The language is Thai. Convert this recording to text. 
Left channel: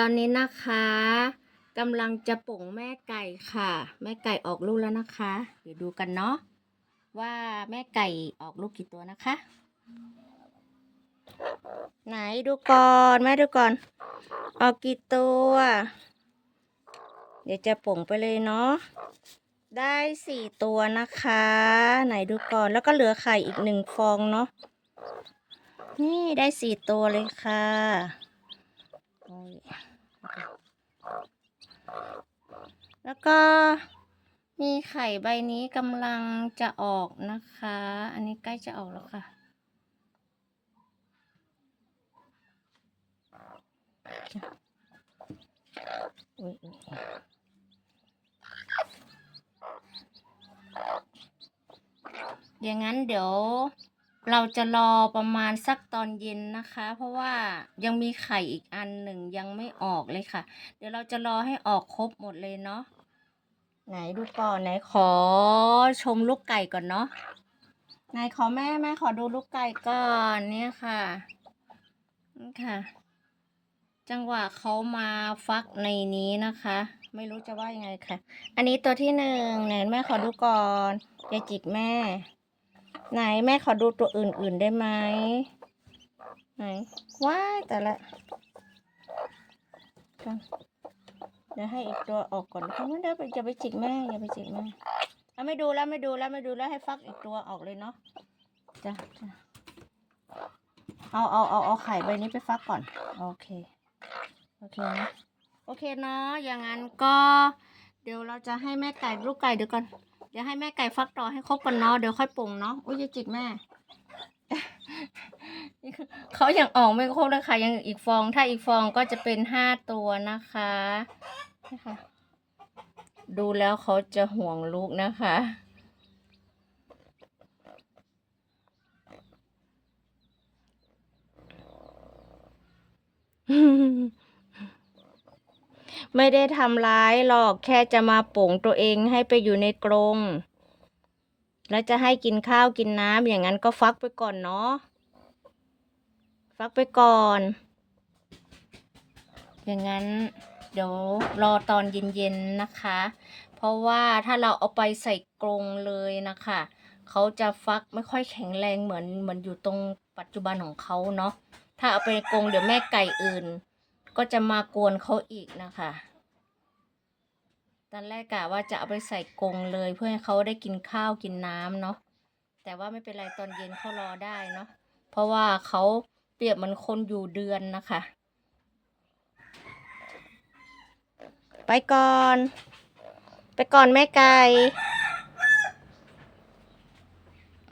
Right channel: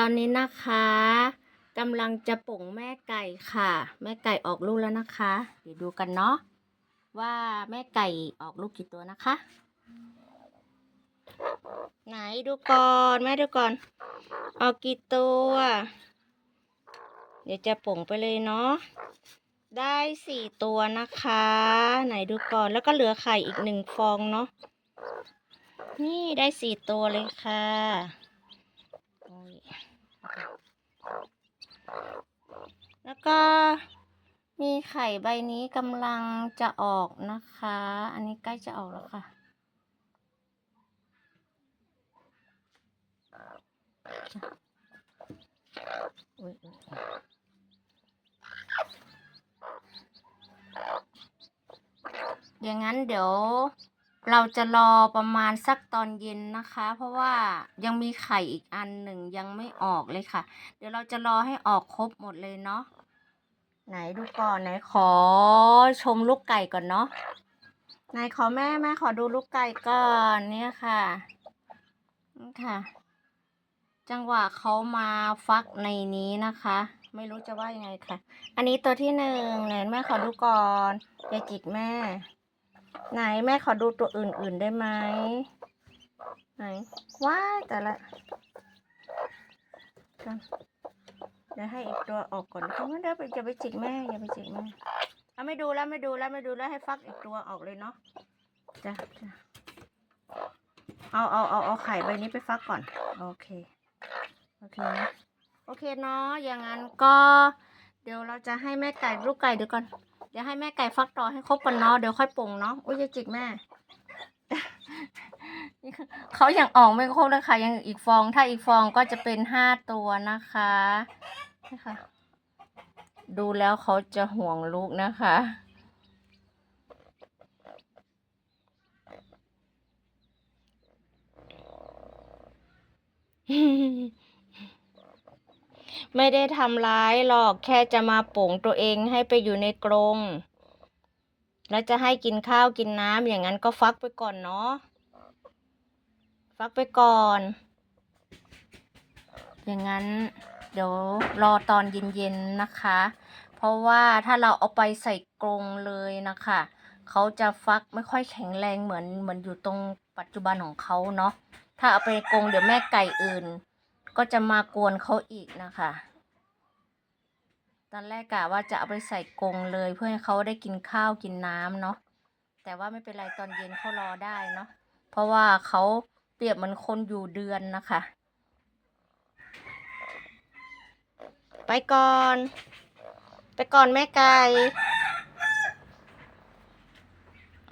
ตอนนี้นะคะกำลังจะป่งแม่ไก่ค่ะ แม่ไก่ออกลูกแล้วนะคะ เดี๋ยวดูกันเนาะว่าแม่ไก่ออกลูกกี่ตัวนะคะ ไหนดูก่อนแม่ดูก่อน ออกกี่ตัว เดี๋ยวจะป่งไปเลยเนาะได้สี่ตัวนะคะ ไหนดูก่อนแล้วก็เหลือไข่อีกหนึ่งฟองเนาะนี่ได้สี่ตัวเลยค่ะ แล้วก็มีไข่ใบนี้กำลังจะออกนะคะ อันนี้ใกล้จะออกแล้วค่ะอุ๊ยอุ๊ยอุ๊ยอย่างนั้นเดี๋ยว เราจะรอประมาณสักตอนเย็นนะคะ เพราะว่ายังมีไข่อีกอันหนึ่งยังไม่ออกเลยค่ะ เดี๋ยวเราจะรอให้ออกครบหมดเลยเนาะไหนดูก่อนไหนขอชมลูกไก่ก่อนเนาะไหนขอแม่แม่ขอดูลูกไก่ก่อนเนี่ยค่ะนี่ค่ะ จังหวะเขามาฟักในนี้นะคะ ไม่รู้จะว่ายังไงค่ะ อันนี้ตัวที่หนึ่งไหนแม่ขอดูก่อนอย่าจิกแม่ ไหนแม่ขอดูตัวอื่นๆได้ไหมไหนว้าแต่ละกันเดี๋ยวให้อีกตัวออกก่อนนะคะไม่ได้ไปอย่าไปจิกแม่อย่าไปจิกแม่เอาไม่ดูแล้วไม่ดูแล้วไม่ดูแล้วให้ฟักอีกตัวออกเลยเนาะจ้ะจ้ะเอาเอาเอาเอาไข่ใบนี้ไปฟักก่อน โอเคโอเคนะโอเคเนาะอย่างนั้นก็ เดี๋ยวเราจะให้แม่ไก่ลูกไก่เดี๋ยวก่อน ดี๋ยวให้แม่ไก่ฟักต่อให้ครบก่อนเนาะเดี๋ยวค่อยปรุงเนาะอุ้ยจะจิกแม่นี่คือเขายังออกไม่ครบเลยค่ะยังอีกฟอง ถ้าอีกฟองก็จะเป็นห้าตัวนะคะนี่ค่ะ ดูแล้วเขาจะห่วงลูกนะคะ ไม่ได้ทำร้ายหรอกแค่จะมาปลงตัวเองให้ไปอยู่ในกรงแล้วจะให้กินข้าวกินน้ำอย่างนั้นก็ฟักไปก่อนเนาะฟักไปก่อน อย่างนั้นเดี๋ยวรอตอนเย็นๆนะคะ เพราะว่าถ้าเราเอาไปใส่กรงเลยนะคะเขาจะฟักไม่ค่อยแข็งแรงเหมือนเหมือนอยู่ตรงปัจจุบันของเขาเนาะถ้าเอาไปกรงเดี๋ยวแม่ไก่อื่น ก็จะมากวนเขาอีกนะคะ ตอนแรกกะว่าจะเอาไปใส่กรงเลยเพื่อให้เขาได้กินข้าวกินน้ำเนาะ แต่ว่าไม่เป็นไรตอนเย็นเขารอได้เนาะ เพราะว่าเขาเปรียบเหมือนคนอยู่เดือนนะคะ ไปก่อน ไปก่อนแม่ไก่